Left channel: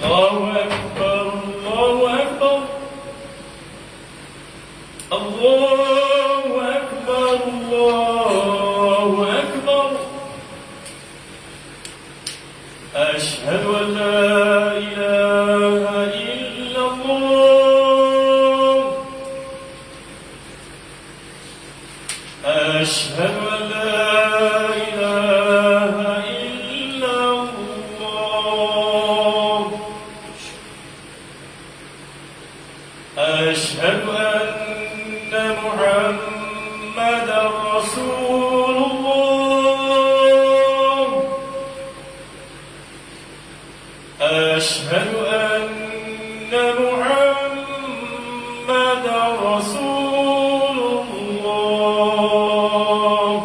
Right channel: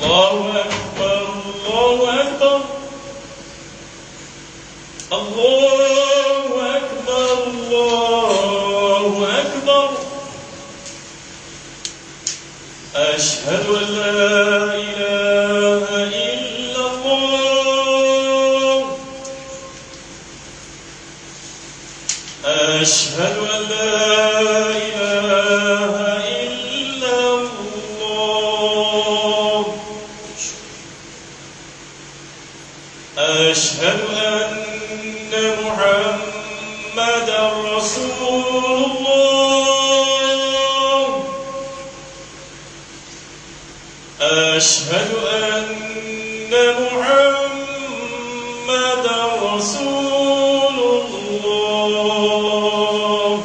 الله أكبر الله أكبر الله أكبر الله أكبر أشهد أن لا إله إلا الله أشهد أن لا إله إلا الله أشهد أن محمدا رسول الله أشهد أن محمدا رسول الله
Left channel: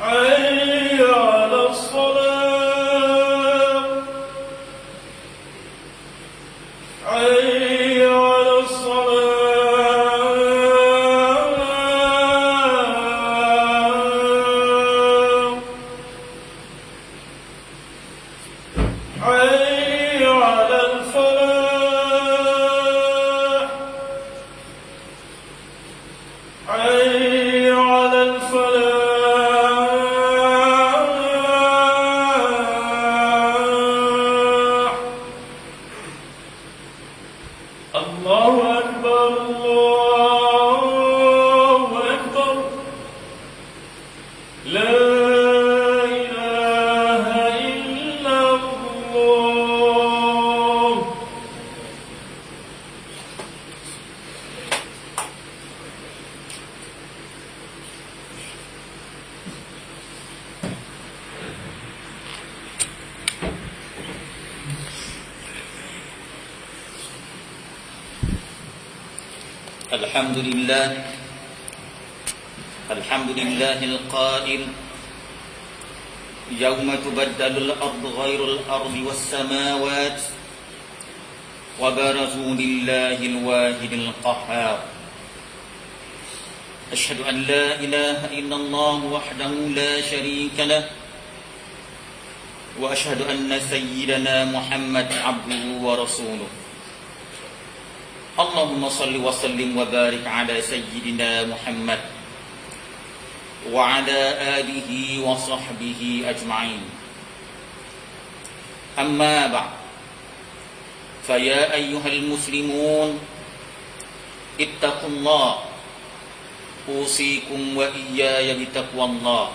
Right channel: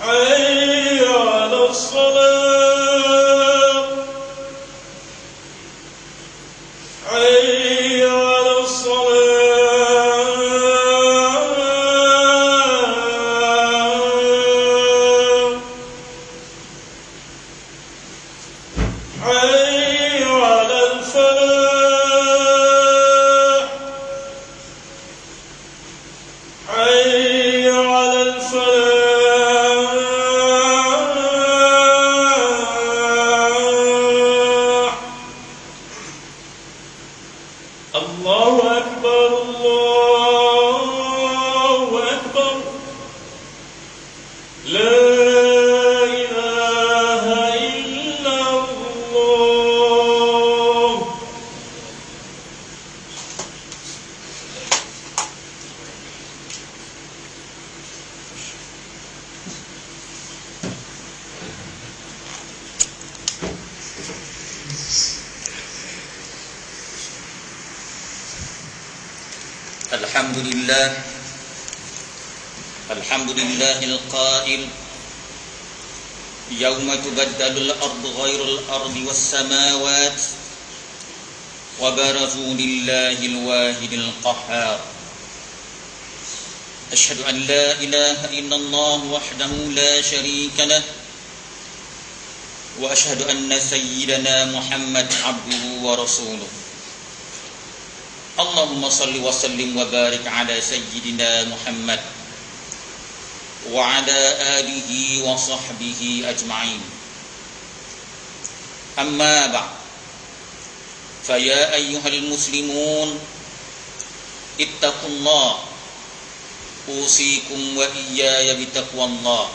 حي على الصلاة حي على الصلاة حي على الفلاح حي على الفلاح الله أكبر الله أكبر لا إله إلا الله الحمد لله القائل يوم تبدل الأرض غير الأرض والسماوات وبرزوا لله الواحد القهار أشهد أن لا إله إلا الله وحده لا شريك له وأشهد أن سيدنا محمد عبده ورسوله اللهم صل وسلم وبارك على سيدنا محمد وعلى آله وصحبه أجمعين أما بعد فيا أيها المسلمون اتقوا الله أوصيكم وإياي بتقوى الله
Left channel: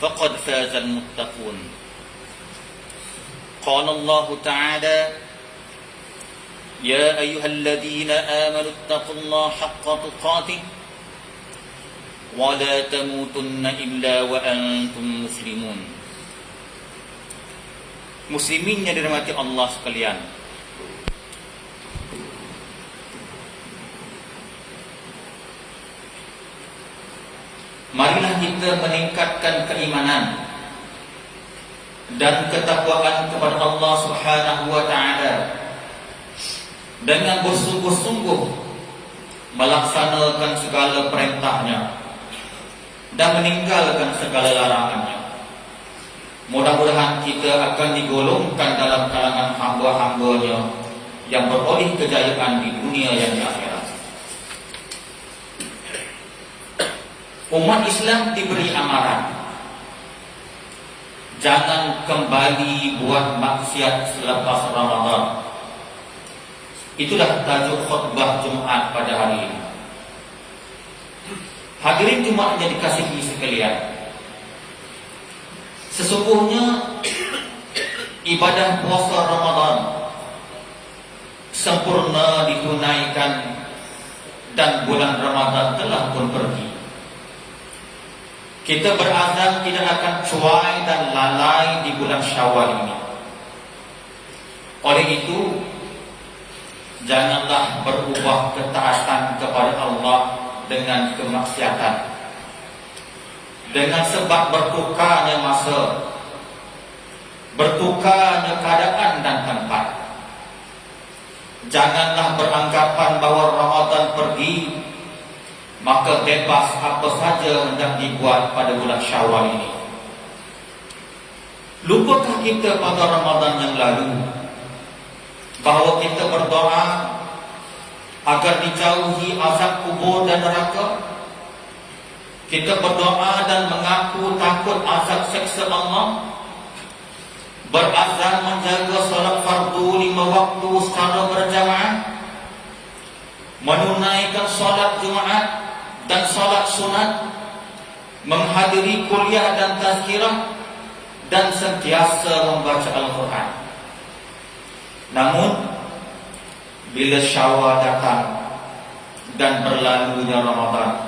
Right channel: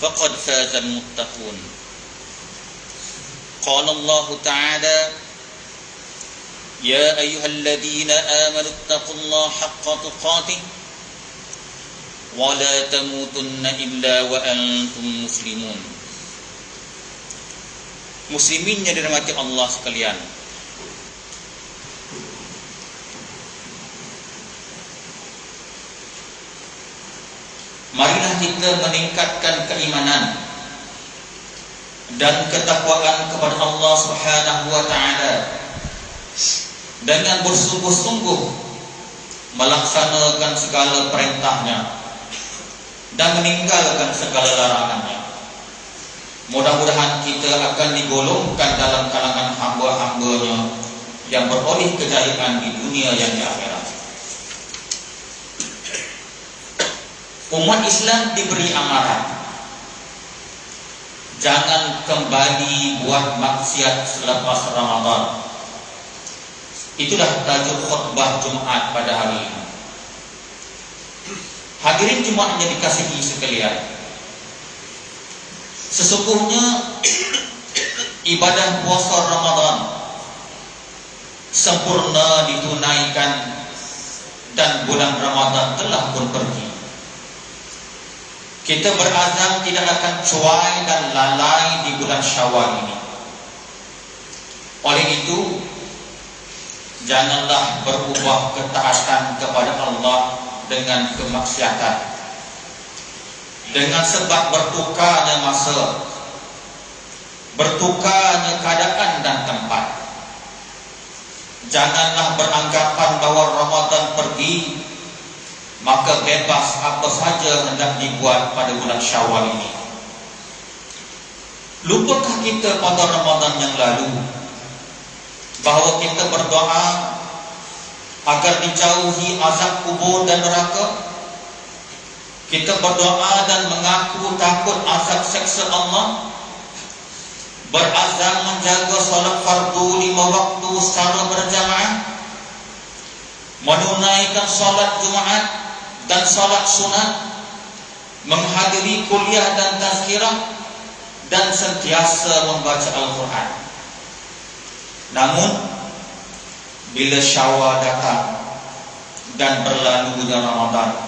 فقد فاز المتقون قال الله تعالى يا أيها الذين آمنوا اتقوا الله حق تقاته ولا تموتن إلا وأنتم مسلمون. Muslimin yang dirahmati Allah sekalian, marilah kita meningkatkan keimanan dan ketakwaan kepada Allah Subhanahu wa taala dengan bersungguh-sungguh melaksanakan segala perintahnya dan meninggalkan segala larangannya. Mudah-mudahan kita akan digolongkan dalam kalangan hamba-hambanya yang beroleh kejayaan di dunia dan di akhirat. Umat Islam diberi amaran, jangan kembali buat maksiat selepas Ramadan. Itulah tajuk khutbah Jumat pada hari ini. Hadirin Jumat yang dikasihi sekalian, sesungguhnya ibadah puasa Ramadan sempurna ditunaikan dan bulan Ramadan telah pun pergi. Kita berazam tidak akan cuai dan lalai di bulan Syawal ini. Oleh itu, janganlah berubah ketaatan kepada Allah dengan kemaksiatan, dengan sebab bertukarnya masa, bertukarnya keadaan dan tempat. Janganlah beranggapan bahawa Ramadan pergi maka bebas apa saja hendak dibuat pada bulan Syawal ini. Lupakah kita pada Ramadan yang lalu bahawa kita berdoa agar dijauhi azab kubur dan neraka? Kita berdoa dan mengaku takut azab seksa Allah, berazam menjaga solat fardu 5 waktu secara berjamaah, menunaikan solat Jumaat dan solat sunat, menghadiri kuliah dan tazkirah, dan sentiasa membaca Al-Quran. Namun bila Syawal datang dan berlalunya Ramadan,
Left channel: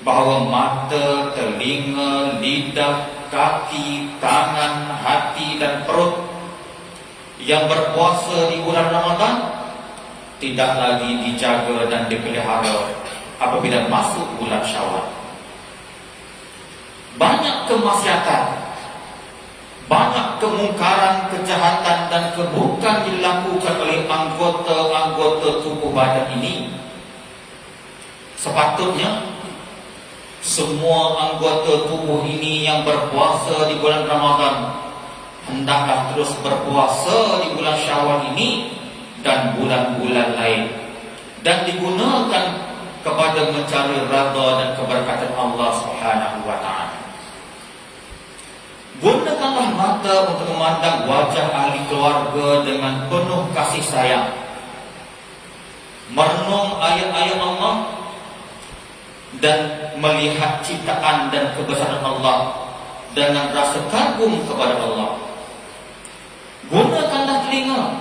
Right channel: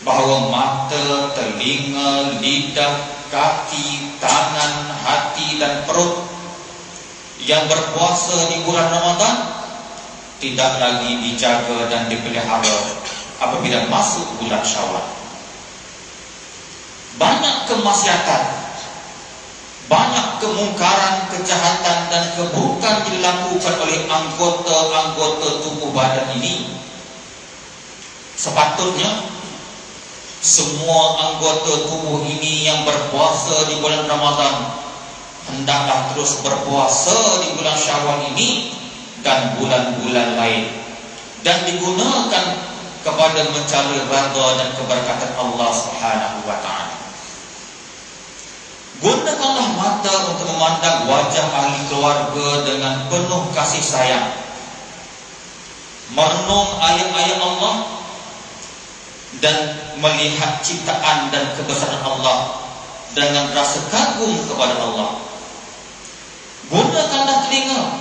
bahawa mata, telinga, lidah, kaki, tangan, hati dan perut yang berpuasa di bulan Ramadan tidak lagi dijaga dan dipelihara apabila masuk bulan Syawal. Banyak kemaksiatan, banyak kemungkaran, kejahatan dan keburukan dilakukan oleh anggota-anggota tubuh badan ini. Sepatutnya semua anggota tubuh ini yang berpuasa di bulan Ramadan hendaklah terus berpuasa di bulan Syawal ini dan bulan-bulan lain, dan digunakan kepada mencari redha dan keberkatan Allah Subhanahu wa taala. Gunakanlah mata untuk memandang wajah ahli keluarga dengan penuh kasih sayang, merenung ayat-ayat Allah, dan melihat ciptaan dan kebesaran Allah dengan rasa kagum kepada Allah. Gunakanlah telinga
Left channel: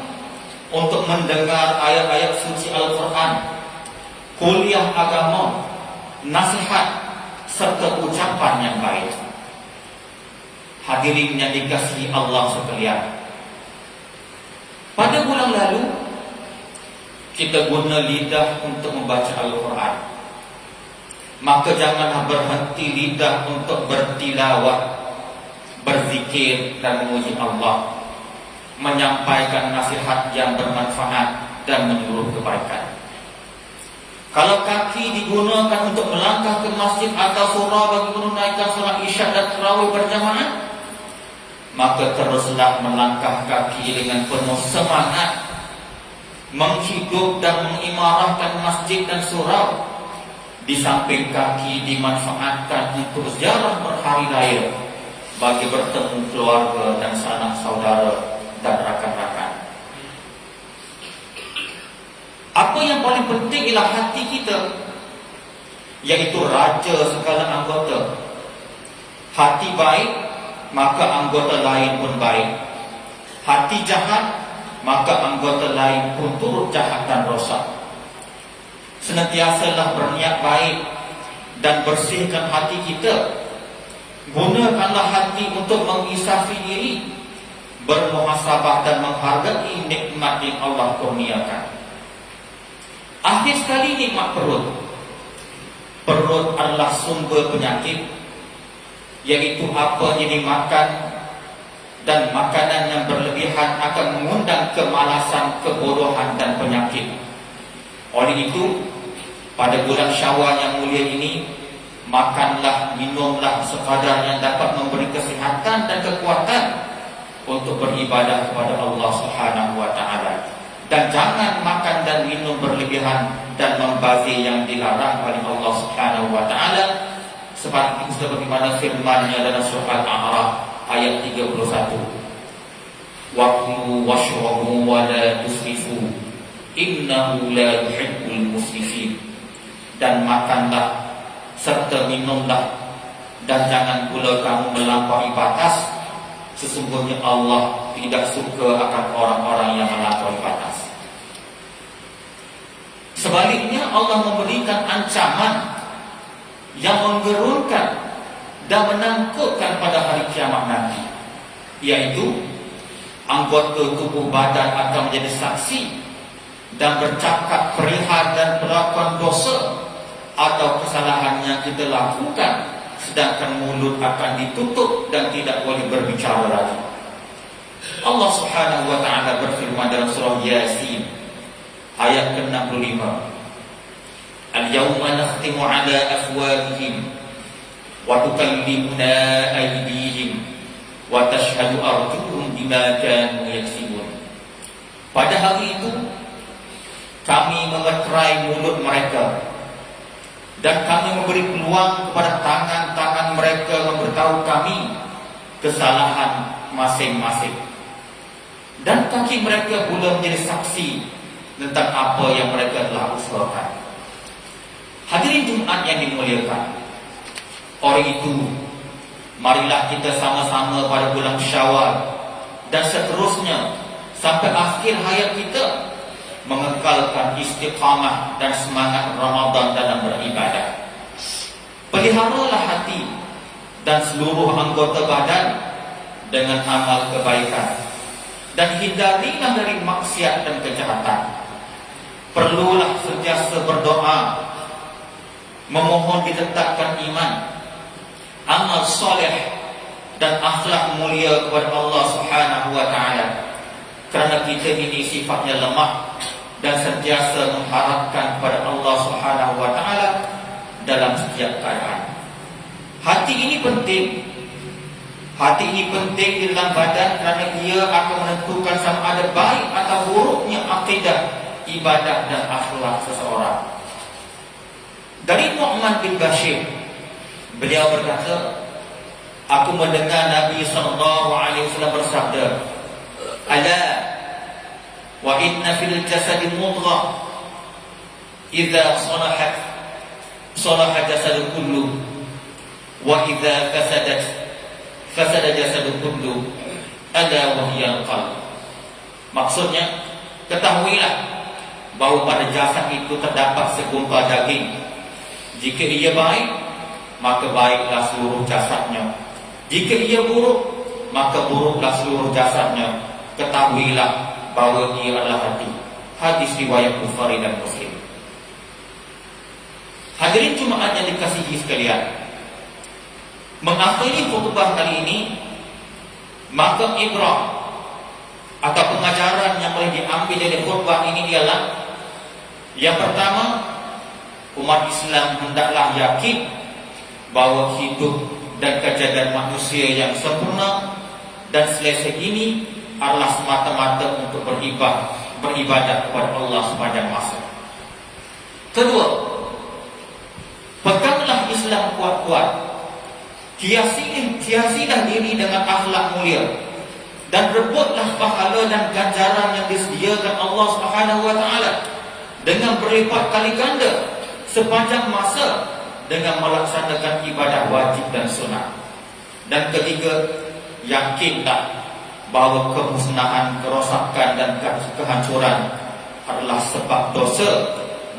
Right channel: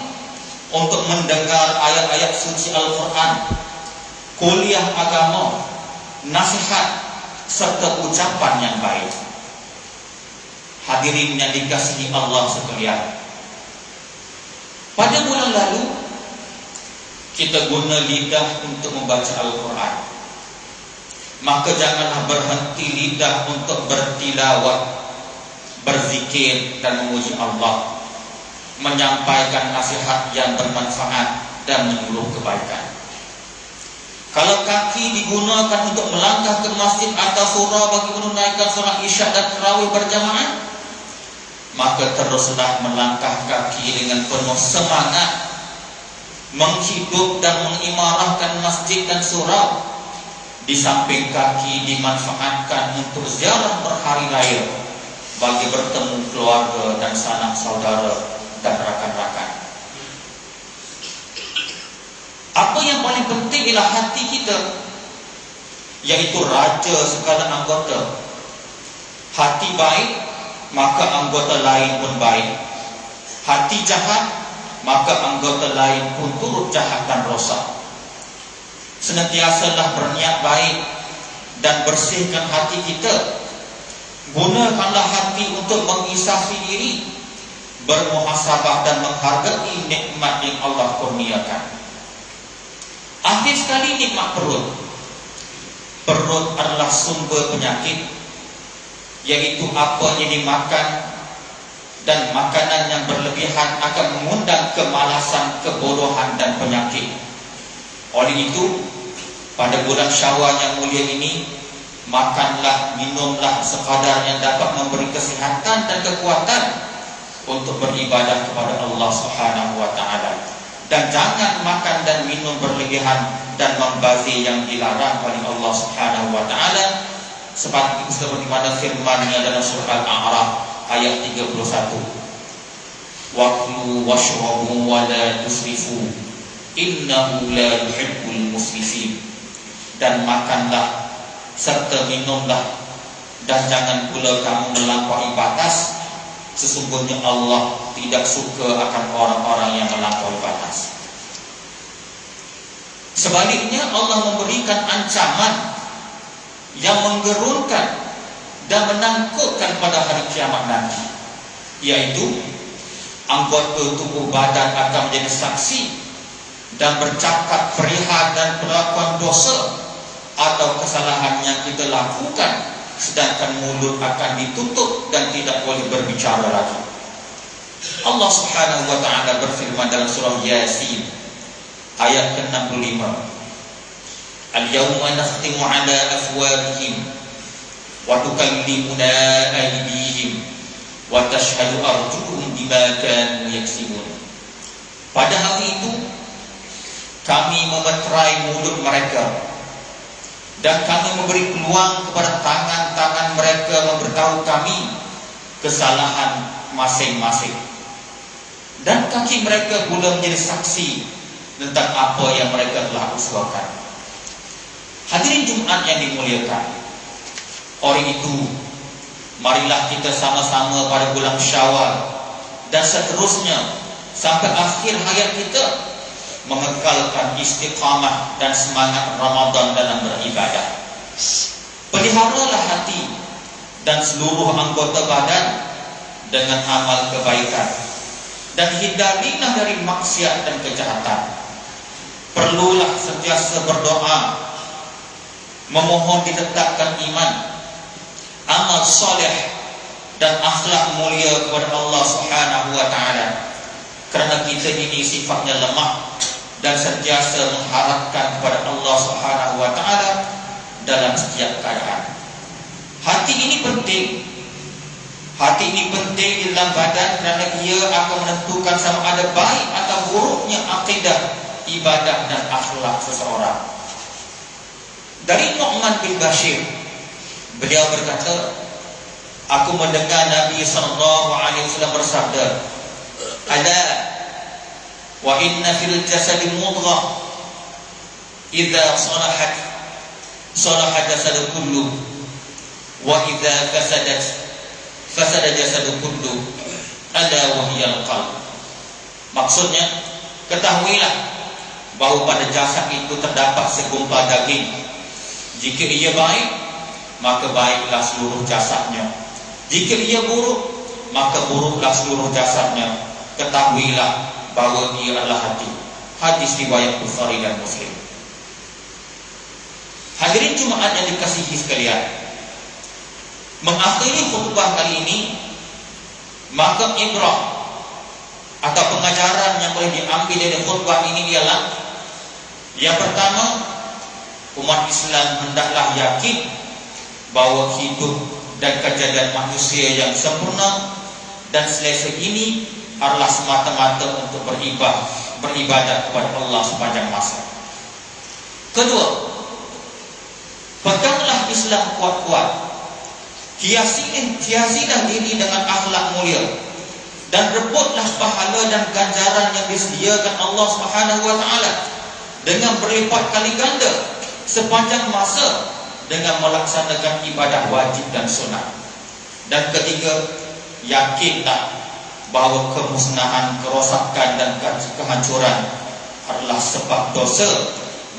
untuk mendengar ayat-ayat suci Al-Quran, kuliah agama, nasihat, serta ucapan yang baik. Hadirin yang dikasihi Allah sekalian, pada bulan lalu kita guna lidah untuk membaca Al-Quran. Maka janganlah berhenti lidah untuk bertilawat, berzikir dan memuji Allah, menyampaikan nasihat yang bermanfaat dan menyuruh kebaikan. Kalau kaki digunakan untuk melangkah ke masjid atau surau bagi menunaikan solat isyak dan tarawih berjamaah, maka teruslah melangkah kaki dengan penuh semangat, menghidup dan mengimarahkan masjid dan surau. Di samping kaki dimanfaatkan untuk ziarah berhari raya bagi bertemu keluarga dan sanak saudara dan rakan-rakan. Apa yang paling penting ialah hati kita, yaitu raja segala anggota. Hati baik, maka anggota lain pun baik. Hati jahat, maka anggota lain pun turut jahat dan rosak. Senantiasalah berniat baik dan bersihkan hati kita. Gunakanlah hati untuk mengisafi diri, bermuhasabah dan menghargai nikmat yang Allah kurniakan. Akhir sekali, nikmat perut. Perut adalah sumber penyakit, yaitu apa yang dimakan, dan makanan yang berlebihan akan mengundang kemalasan, kebodohan dan penyakit. Oleh itu, pada bulan Syawal yang mulia ini, makanlah, minumlah sekadar yang dapat memberi kesihatan dan kekuatan untuk beribadah kepada Allah Subhanahu wa taala. Dan jangan makan dan minum berlebihan dan membazir yang dilarang oleh Allah Subhanahu wa taala, seperti mana firman-Nya dalam surah Al-A'raf ayat 31. Waqulu washrabu wa la tusrifu innahu la yuhibbul musrifin. Dan makanlah serta minumlah, dan jangan pula kamu melampaui batas. Sesungguhnya Allah tidak suka akan orang-orang yang melampaui batas. Sebaliknya, Allah memberikan ancaman yang menggerunkan dan menakutkan pada hari kiamat nanti, yaitu anggota tubuh badan akan menjadi saksi dan bercakap perihal dan perlakuan dosa atau kesalahan yang kita lakukan, sedangkan mulut akan ditutup dan tidak boleh berbicara lagi. Allah Subhanahu wa taala berfirman dalam surah Yasin ayat ke-65, Al-yawma nakhtimu ala afwahihim wa tukallimuna aydihim wa tashhadu arjuluhum bima kanu yaksibun. Pada hari itu kami memeterai mulut mereka dan kami memberi peluang kepada tangan-tangan mereka memberitahu kami kesalahan masing-masing, dan kaki mereka pula menjadi saksi tentang apa yang mereka telah usahakan. Hadirin Jumat yang dimuliakan, oleh itu marilah kita sama-sama pada bulan Syawal dan seterusnya sampai akhir hayat kita mengekalkan istiqamah dan semangat Ramadan dalam beribadah. Peliharalah hati dan seluruh anggota badan dengan amal kebaikan, dan hindarilah dari maksiat dan kejahatan. Perlulah sentiasa berdoa, memohon ditetapkan iman, amal soleh dan akhlak mulia kepada Allah Subhanahu wa taala, kerana kita ini sifatnya lemah dan sentiasa mengharapkan kepada Allah Subhanahu wa taala dalam setiap keadaan. Hati ini penting. Hati ini penting di dalam badan kerana ia akan menentukan sama ada baik atau buruknya akidah, ibadah dan akhlak seseorang. Dari Nu'man bin Bashir, beliau berkata, aku mendengar Nabi SAW bersabda, ala wa inna fil jasadi mudghah idza salahat salaha jasadu kullu wa idza fasadat fasada jasadu kullu ala wa hiyal qalb. Maksudnya, ketahuilah bahawa pada jasad itu terdapat segumpal daging. Jika ia baik, maka baiklah seluruh jasadnya. Jika ia buruk, maka buruklah seluruh jasadnya. Ketahuilah bahawa ia adalah hati. Hadis riwayat Bukhari dan Muslim. Hadirin Jumaat yang dikasihi sekalian, mengakhiri khutbah kali ini, maka ibrah atau pengajaran yang boleh diambil dari khutbah ini ialah, yang pertama, umat Islam hendaklah yakin bahawa hidup dan kejadian manusia yang sempurna dan selesai ini adalah semata-mata untuk beribadah kepada Allah sepanjang masa. Kedua, peganglah Islam kuat-kuat, hiasilah diri dengan akhlak mulia, dan rebutlah pahala dan ganjaran yang disediakan Allah Subhanahu wa taala dengan berlipat kali ganda sepanjang masa dengan melaksanakan ibadah wajib dan sunat. Dan ketiga, yakinlah bahawa kemusnahan, kerosakan dan kehancuran adalah sebab dosa,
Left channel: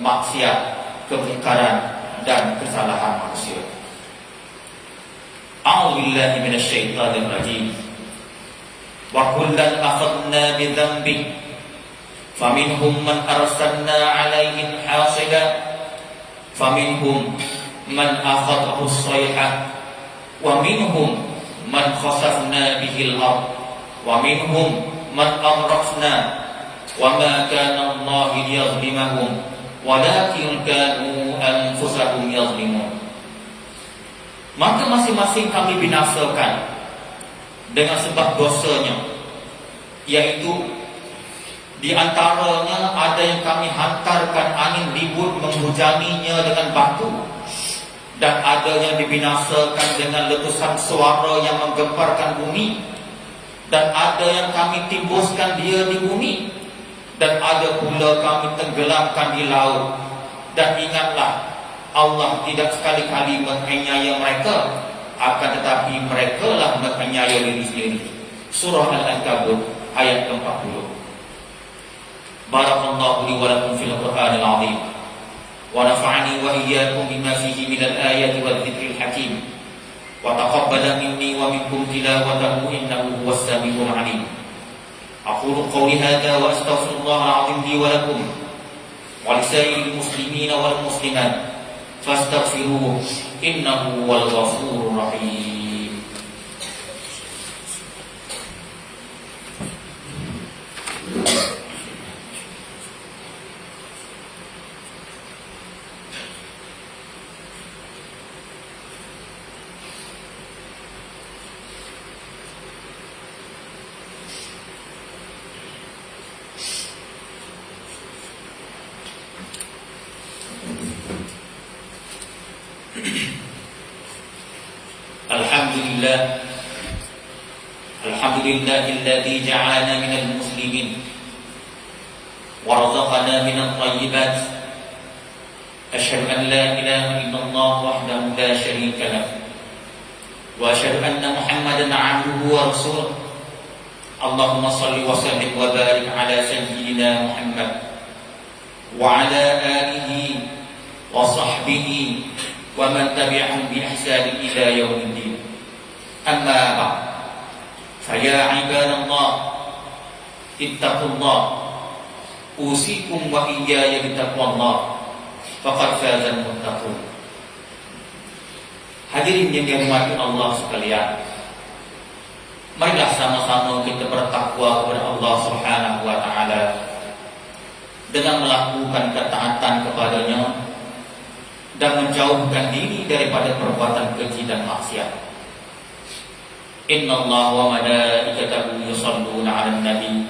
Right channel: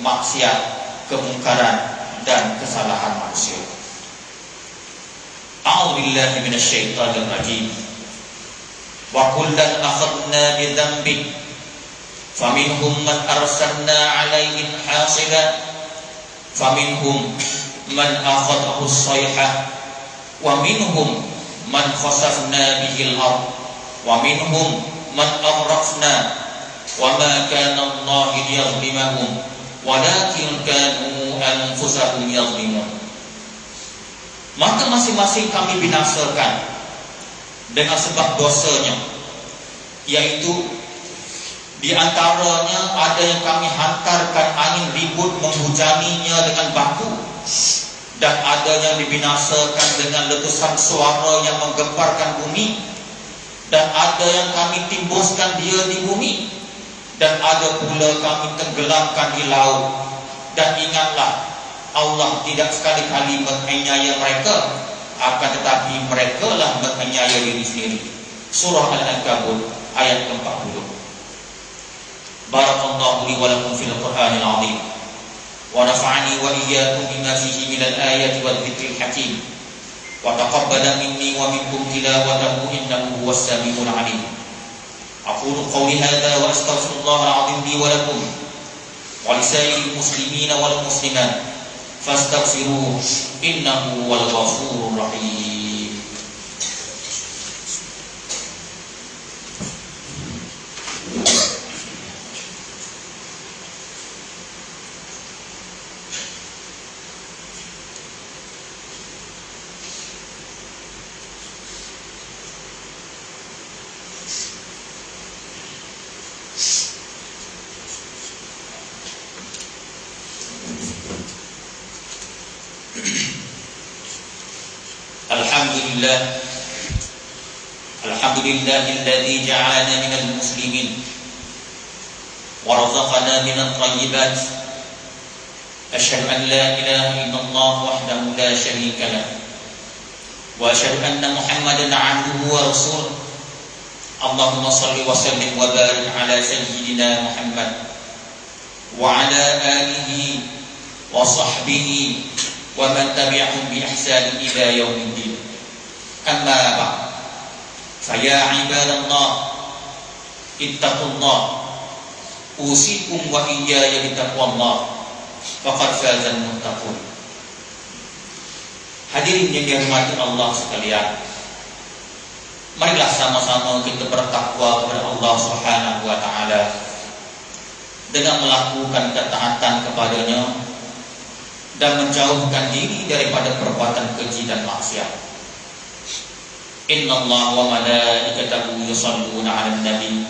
maksiat, kemungkaran dan kesalahan manusia. A'udzubillahi minasyaitonir rajim. Wa kullan akhadna bi dhanbi faminhum man arsalna 'alaihim hasiba faminhum man akhadhahu as-sayhah wa minhum man khasafna bihi al-ard wa minhum man aghraqna wa ma kana Allah liyadhlimahum walakin kanu anfusahum yadhlimun. Maka masing-masing kami binasakan dengan sebab dosanya, yaitu di antaranya ada yang kami hantarkan angin ribut menghujaninya dengan batu, dan ada yang dibinasakan dengan letusan suara yang menggemparkan bumi, dan ada yang kami timbuskan dia di bumi, dan ada pula kami tenggelamkan di laut. Dan ingatlah, Allah tidak sekali-kali menganiaya mereka, akan tetapi mereka lah menganiaya diri sendiri. Surah Al-Ankabut ayat 40. Barakallahu li wa lakum fil Qur'anil 'azim wa nafa'ani wa iyyakum bima fihi minal ayati wadh-dhikril hakim wa taqabbala minni wa minkum tilawatahu innahu huwas samiul 'alim. Aqulu qawli hadha wa astaghfirullahal 'azim li wa lakum wa lisairil muslimina wal muslimat fastaghfiruhu innahu huwal ghafurur rahim. Alhamdulillahilladzi ja'alana minal muslimin wa razaqana minat thayyibat. Asyhadu an la ilaha illallah wahdahu la syarika lah wa asyhadu anna Muhammadan 'abduhu wa rasuluh. Allahumma shalli wa sallim wa barik ala sayyidina Muhammad wa ala alihi wa sahbihi wa man tabi'ahum bi ihsan ila yaumiddin. Amma ba'd. Fa ya ibadallah ittaqullah usikum wa iyaya bittaqwallah faqad fazal muttaqun. Hadirin yang dirahmati Allah sekalian, marilah sama-sama kita bertakwa kepada Allah Subhanahu wa taala dengan melakukan ketaatan kepadanya dan menjauhkan diri daripada perbuatan keji dan maksiat. Innallaha wa malaikatahu yusholluna 'alan nabi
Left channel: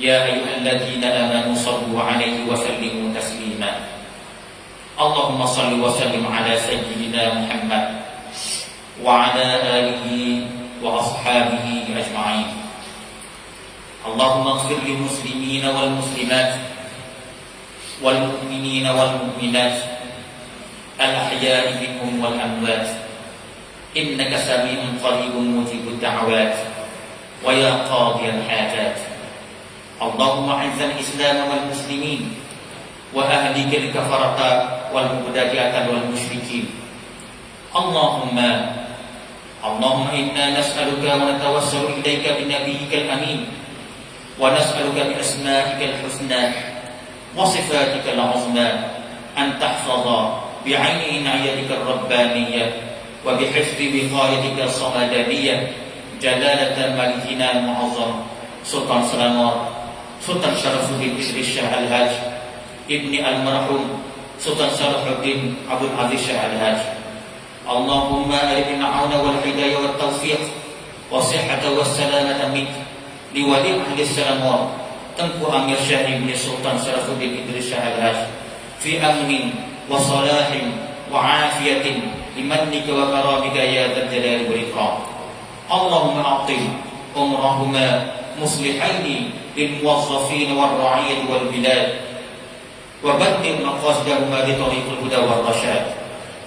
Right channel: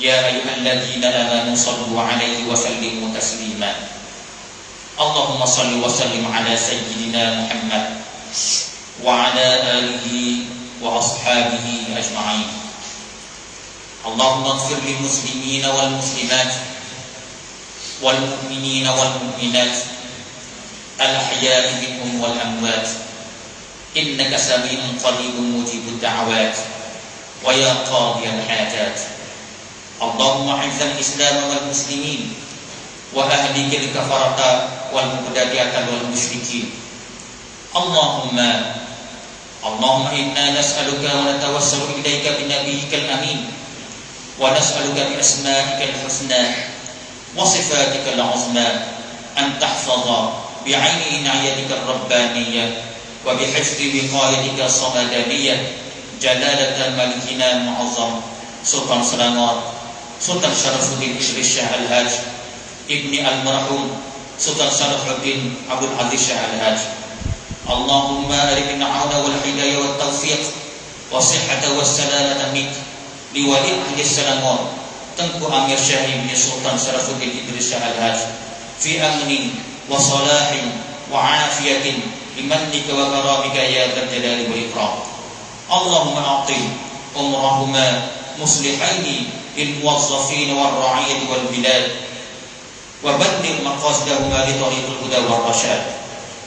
ya ayyuhalladzina amanu shallu 'alaihi wa sallimu taslima. Allahumma shalli wa sallim ala sayyidina Muhammad wa ala alihi wa ashabihi ajma'in. Allahumma ighfir lil muslimina wal muslimat wal mu'minina wal mu'minat al ahya'i minhum wal amwat innaka sami'un qaribun mujibud da'awat wa ya qadiyal hajat. Allahumma izzal islam wal muslimin wa ahlikal kafarata wal mubtadi'ata wal musyrikin. Allahumma inna nas'aluka wa natawassalu ilaika bi nabiyyikal amin wa nas'aluka bi asma'ikal husna wa sifatikal 'uzma an tahfaza bi 'aini inayatikar rabbaniyyah wa bi hifzi wiqayatikal samadaniyyah jalalatan malikina mu'azzam Sultan Selangor Sultan Syarafuddin Idris Shah Al-Hajj Ibni Al-Marhum Sultan Salahuddin Abdul Aziz Shah Al-Hajj. Allahumma arifna auna wal hidayah wat taufiq was sihhata was salamata mik li wali ahli Selangor Tengku Amir Syah Ibni Sultan Salahuddin Idris Shah Al-Hajj fi amnin wa salahin wa afiyatin limannika wa karamika ya dzal jalali wal ikram. Allahumma a'ti umrahuma muslihaini lil muwazzafin wal ra'iyati wal bilad wa badil maqasidahuma li tariqil huda wal rasyad.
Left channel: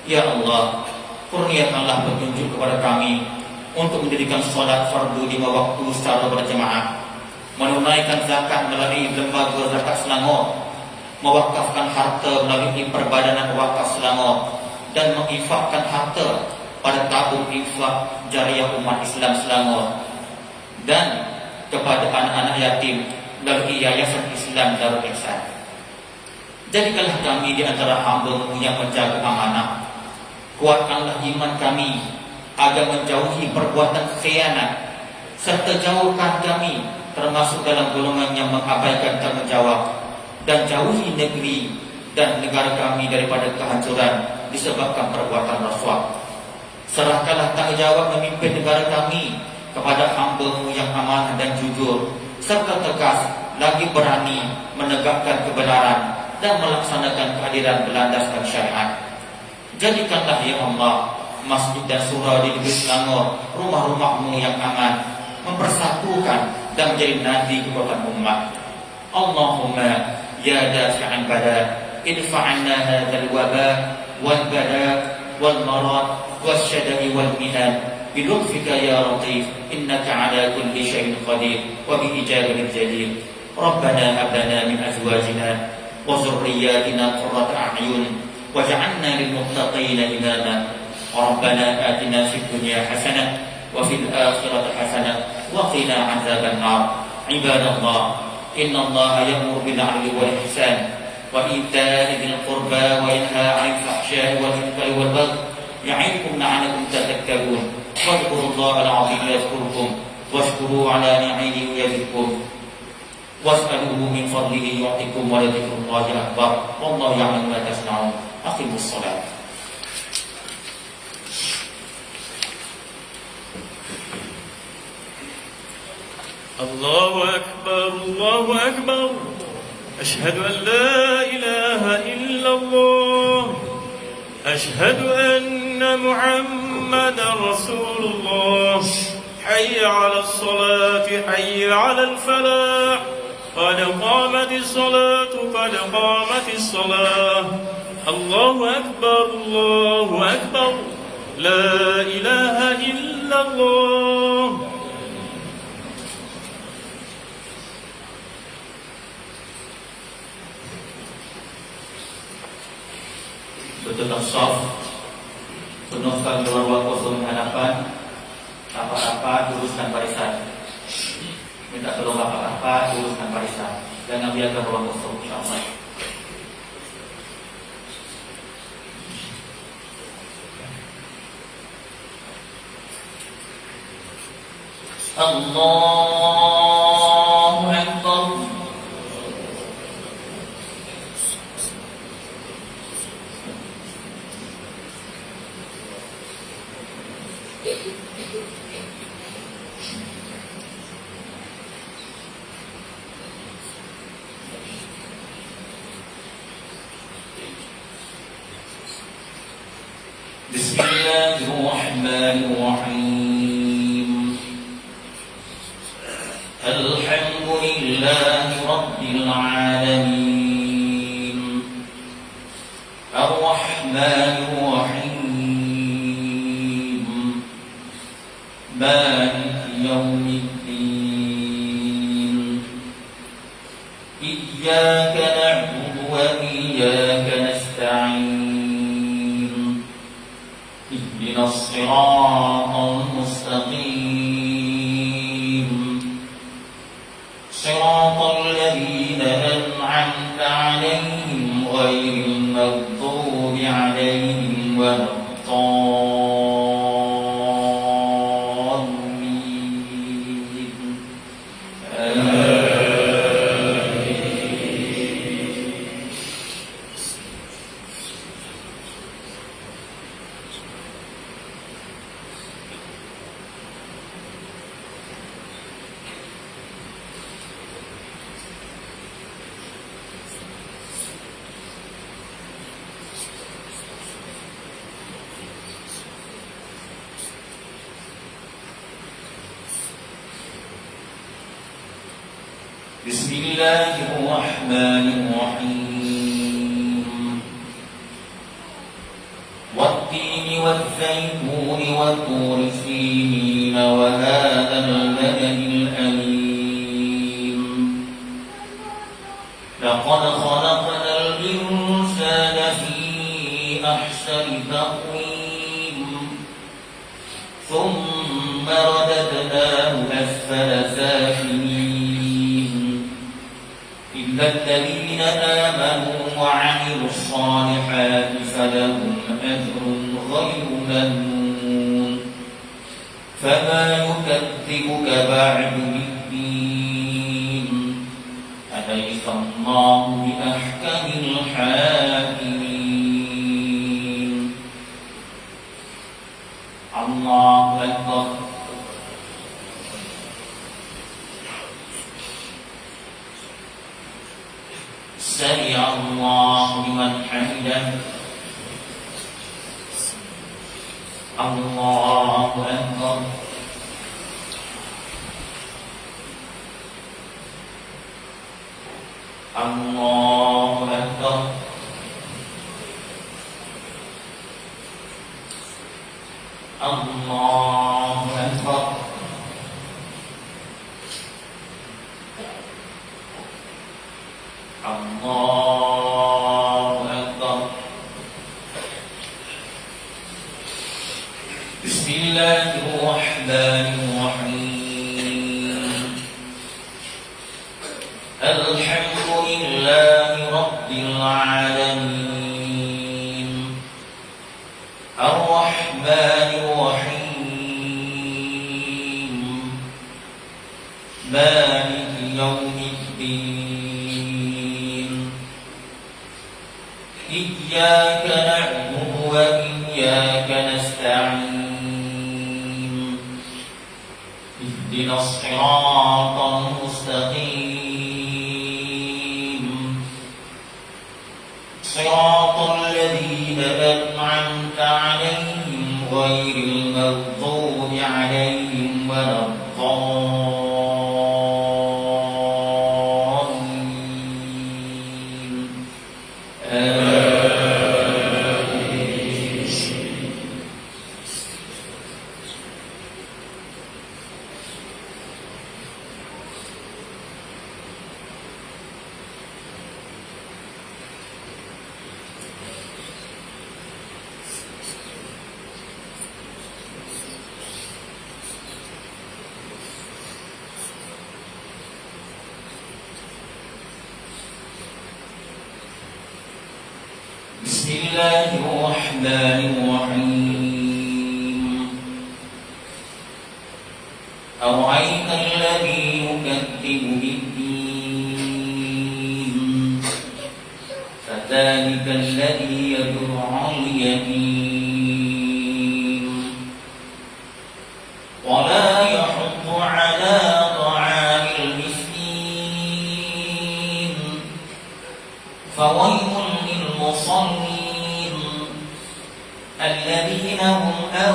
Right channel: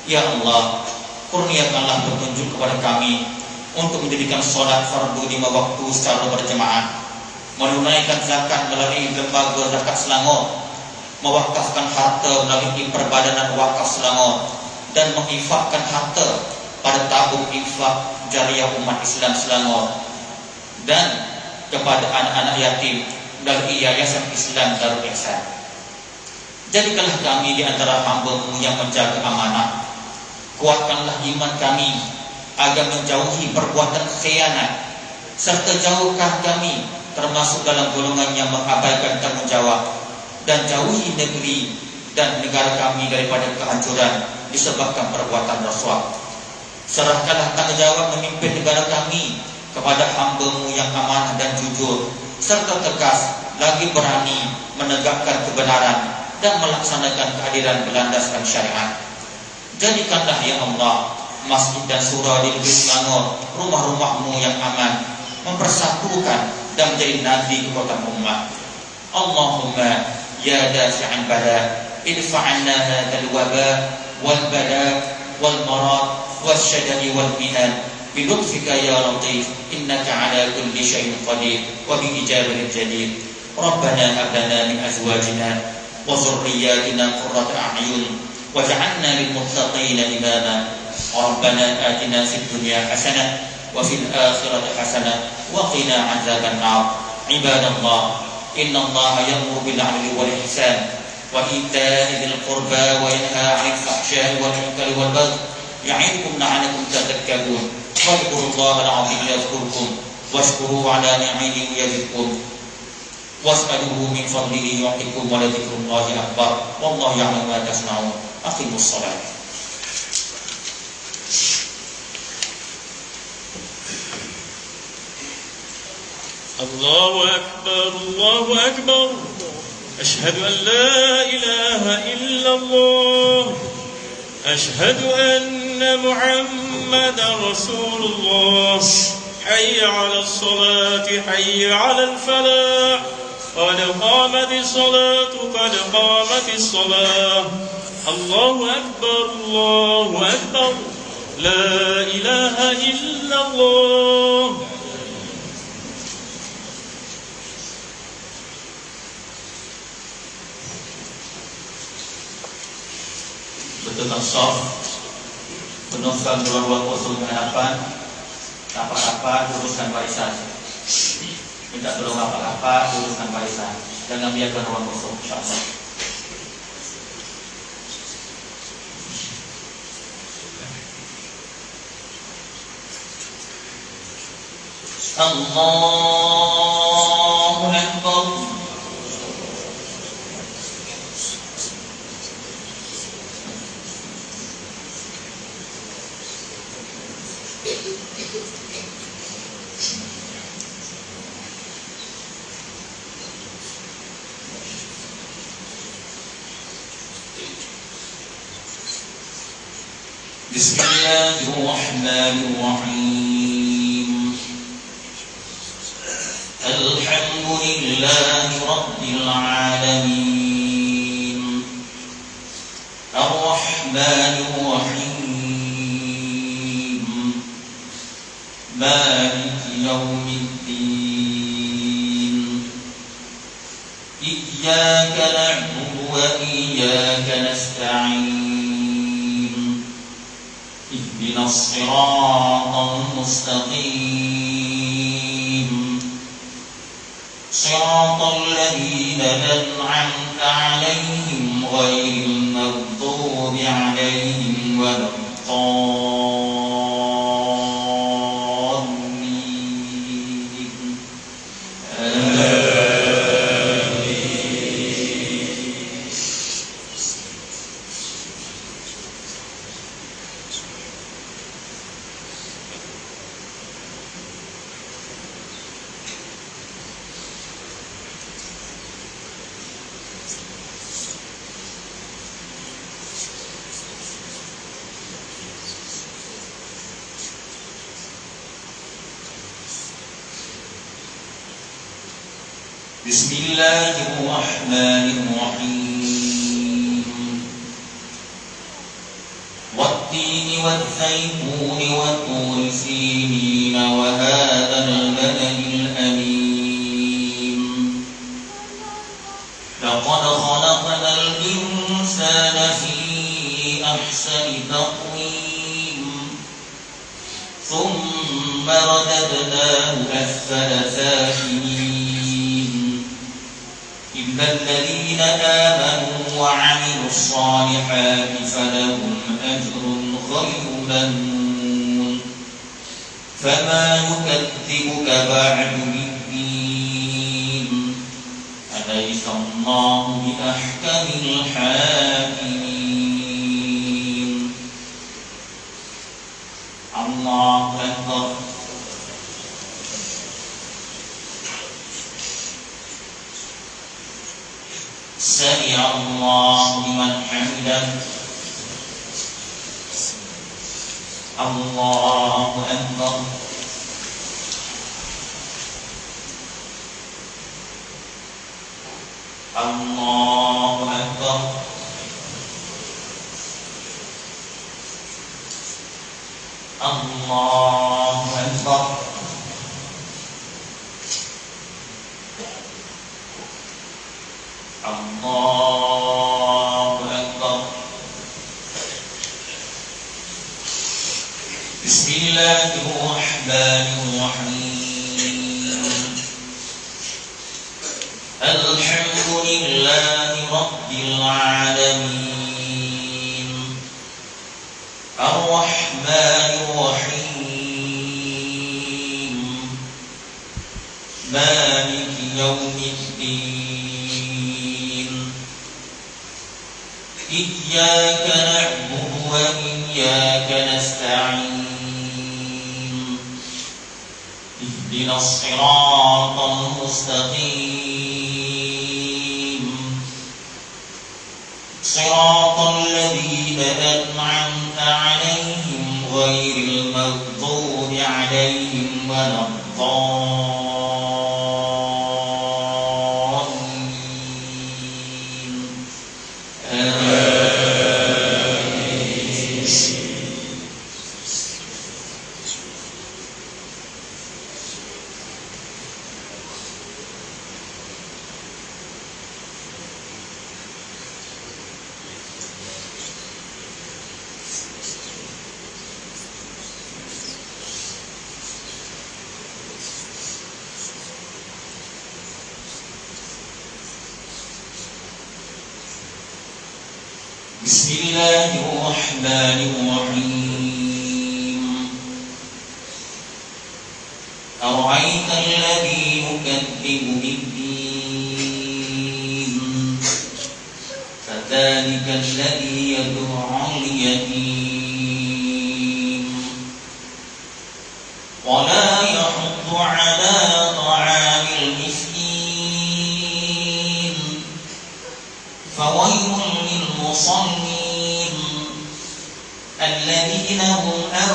Ya Allah, kurniakanlah petunjuk kepada kami untuk menjadikan salat fardu 5 waktu secara berjemaah, menunaikan zakat melalui lembaga zakat Selangor, mewakafkan harta melalui perbadanan wakaf Selangor, dan menginfakkan harta pada tabung infak jariah umat Islam Selangor, dan kepada anak-anak yatim melalui Yayasan Islam Darul Ihsan. Jadikanlah kami di antara hamba-Mu yang menjaga amanah. Kuatkanlah iman kami agar menjauhi perbuatan khianat, serta jauhkan kami termasuk dalam golongan yang mengabaikan tanggungjawab, dan jauhi negeri dan negara kami daripada kehancuran disebabkan perbuatan rasuah. Serahkanlah tanggungjawab memimpin negara kami kepada hamba-Mu yang amanah dan jujur, serta tegas lagi berani menegakkan kebenaran dan melaksanakan keadilan berlandaskan syariat. Jadikanlah ya Allah masjid dan surau di negeri Selangor rumah-rumah-Mu yang aman, mempersatukan dan menjadi nadi kekuatan umat. Allahumma ya dafi'an bala idfa'anna hadzal waba wal bala wal marad wasyada'i wal minan bi lutfika ya latif innaka ala kulli syai'in qadir wa bi ijabatil jadir. Rabbana hab lana min azwajina wa dhurriyyatina qurrata a'yun waj'alna lil muttaqina imama. Rabbana atina fid dunya hasanah wa fil akhirati hasanah wa qina 'adzaban nar. Ibadallah, innallaha ya'muru bil 'adli wal ihsan wa ita'i dzil qurba wa yanha 'anil fahsya'i wal munkari wal baghi ya'idukum la'allakum tadhakkarun. Fadhkurullaha al-'azim yadhkurkum washkuru 'ala ni'amihi yazidkum was'aluhu min fadlihi yu'tikum wa la dzikrullahi akbar wallahu ya'lamu ma tasna'un. Aqimus shalah. Allahu akbar, Allahu akbar. Ashhadu an la ilaha illallah. Ashhadu anna Muhammad محمد رسول الله. حي على الصلاة حي على الفلاح قد قامت الصلاة قد قامت الصلاة. الله أكبر الله أكبر لا إله إلا الله. Betulkan shaf, penuhkan ruang kosong hadapan, apa-apa luruskan barisan. Minta tolong apa-apa luruskan barisan. Jangan biarkan ruang kosong, insyaallah. Allahu Akbar. Bismillahirrahmanirrahim. Alhamdulillahi Rabbil alamin. Ar-Rahmanir-Rahim. Maliki yaumiddin. Iyyaka na'budu wa iyyaka nasta'in. Ihdinas siratal mustaqim. Siratal ladzina an'amta 'alaihim ghairil maghdubi 'alaihim waladdallin. Bismillahirrahmanirrahim. Wat-tini wat-zaituni wat-turi sinin wa hadzal baladil amin. Laqad khalaqnal insana fi ahsani taqwim. Thumma radadnahu asfala safilin. إلا الذين آمنوا وعملوا الصالحات فلهم أجر غير ممنون. فما يكذبك بعد بالدين. أليس الله بأحكم الحاكمين. الله أكبر. سمع الله لمن حمده. الله أكبر. الله أكبر. الله أكبر. الله أكبر. بسم الله الرحمن الرحيم. الحمد لله رب العالمين. الرحمن الرحيم. مالك يوم الدين. إياك نعبد وإياك نستعين. اهدنا الصراط المستقيم. صراط الذين أنعمت عليهم غير بسم الله الرحمن الرحيم أرأيت الذي يكذب بالدين فذلك الذي يدعو اليتيم ولا يحض على طعام المسكين فويل للمصلين الذين هم عن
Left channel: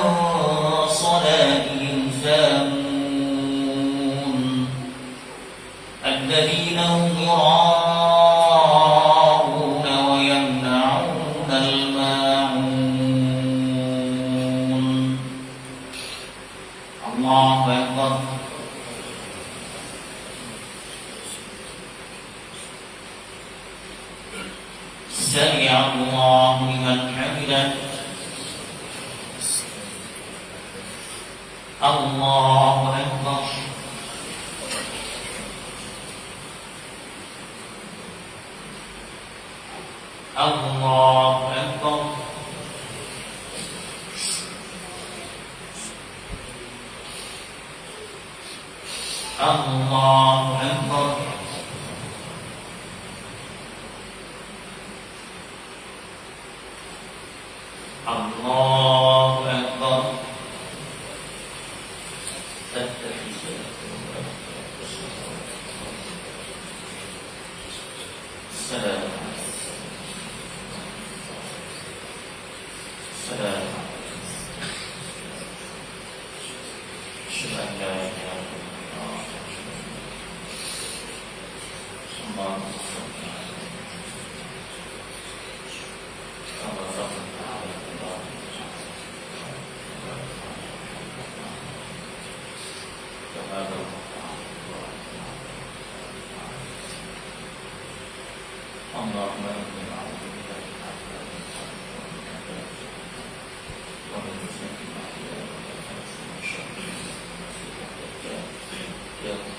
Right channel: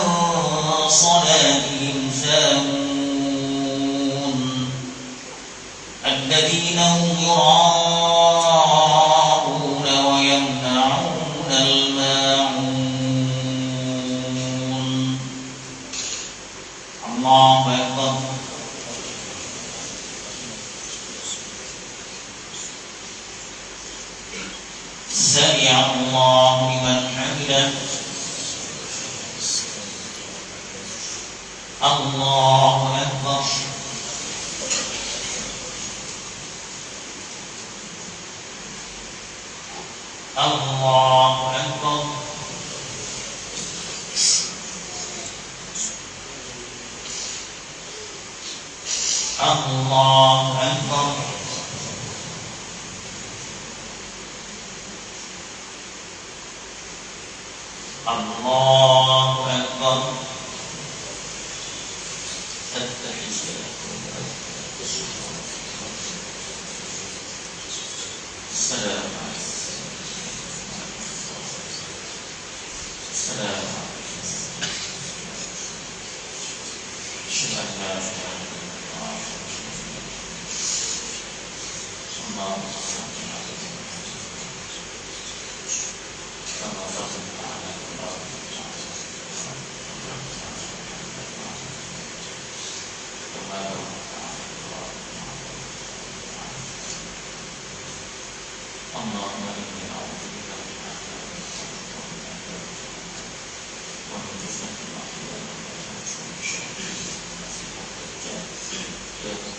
صلاتهم ساهون الذين هم يراءون ويمنعون الماعون الله أكبر سمع الله لمن حمده الله أكبر الله أكبر الله أكبر الله أكبر السلام السلام أشهد أن لا إله إلا الله اللهم صل على اللهم إني أعوذ بك ومن فتنة المحيا والممات ومن شر المسيح الدجال يا رب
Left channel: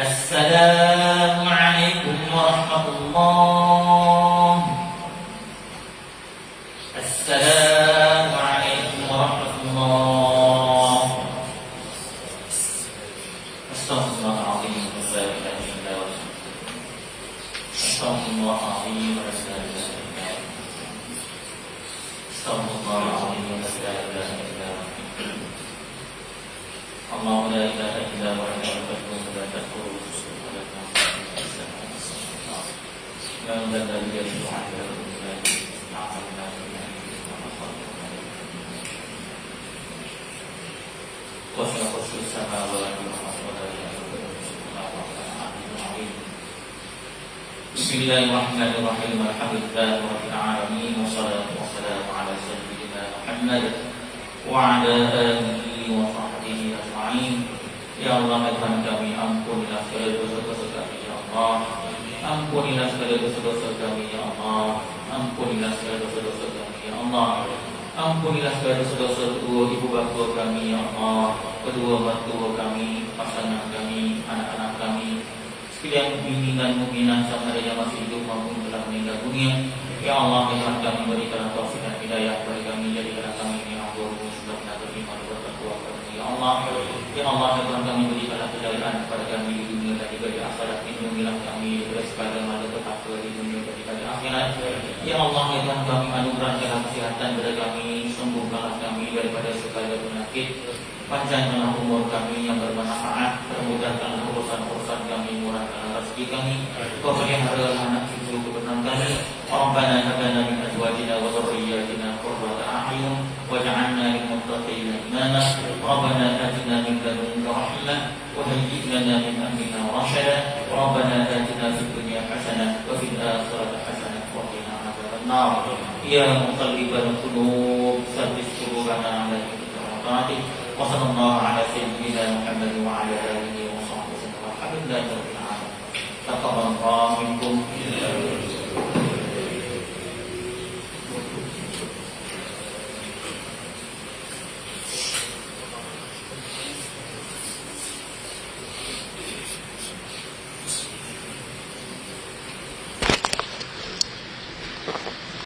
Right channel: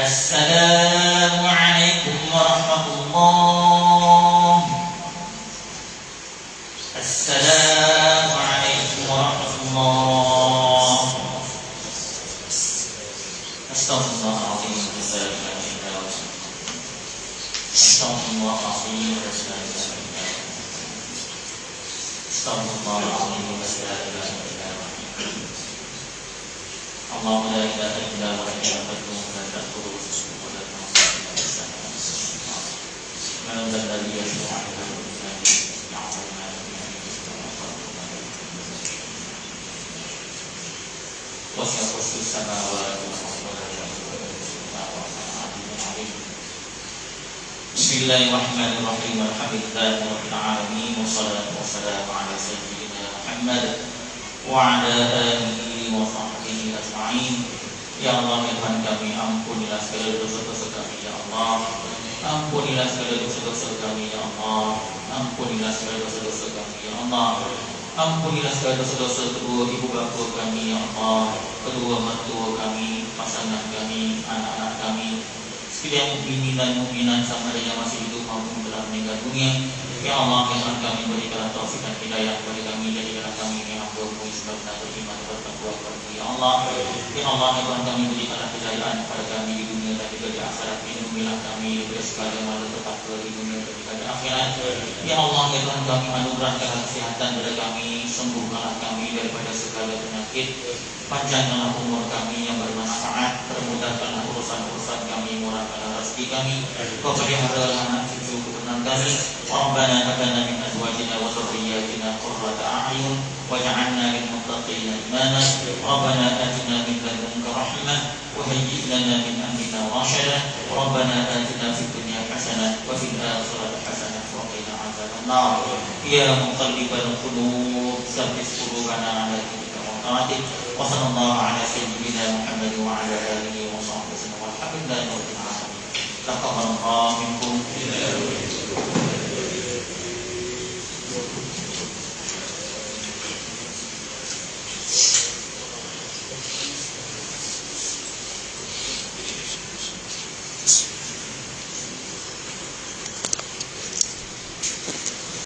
السلام عليكم ورحمة الله السلام عليكم ورحمة الله أستغفر الله العظيم لا إله إلا هو أستغفر الله العظيم لا إله إلا هو أستغفر الله العظيم لا إله إلا هو الله لا إله إلا هو الحي القيوم لا تأخذه سنة ولا نوم من ذا الذي يشفع عنده إلا وسع كرسي السماوات والأرض ولا يؤوده بسم الله الرحمن الرحيم الحمد لله رب العالمين والصلاة والسلام على سيدنا محمد وعلى آله وصحبه أجمعين. Ya Allah, Tuhan kami, ampunilah segala dosa-dosa kami, ya Allah. Ampunilah segala dosa-dosa kami, ya Allah. Ampunilah segala dosa-dosa kami, ya Allah. Ampunilah segala dosa-dosa kedua ibu bapa kami, ya Allah. Kedua mertua kami, pasangan kami, anak-anak kami, sekalian mukminin dan mukminat sama ada yang masih hidup maupun telah meninggal dunia. Ya Allah, Tuhan kami, berikanlah taufik dan hidayah kepada kami, jadikanlah kami ini hamba-Mu sebab beriman dan bertakwa kepada ya Allah. Ya Allah, Tuhan kami, berikanlah kejayaan kepada kami di dunia dan juga di akhirat. Lindungilah kami dari segala malapetaka di dunia dan juga di akhirat. Ya Allah, Tuhan kami, anugerahkan kesehatan kepada kami, sembuhkanlah kami daripada segala penyakit. Panjangkanlah umur kami yang bermanfaat, permudahkanlah urusan-urusan kami, murahkanlah rezeki kami, Kau pelihara anak cucu keturunan kami. Rabbana hab lana min azwajina wa dhurriyyatina qurrata a'yun waj'alna lil muttaqina imama. Rabbana atina min ladunka rahmah wa hayyi' lana min amrina rashada. ربنا آتنا في الدنيا حسنة وفي الآخرة حسنة وقنا عذاب النار يا مقلب القلوب ثبت قلوبنا على دينك وطاعتك وصلى الله على سيدنا محمد وعلى آله وصحبه وسلم والحمد لله رب العالمين تقبل الله منكم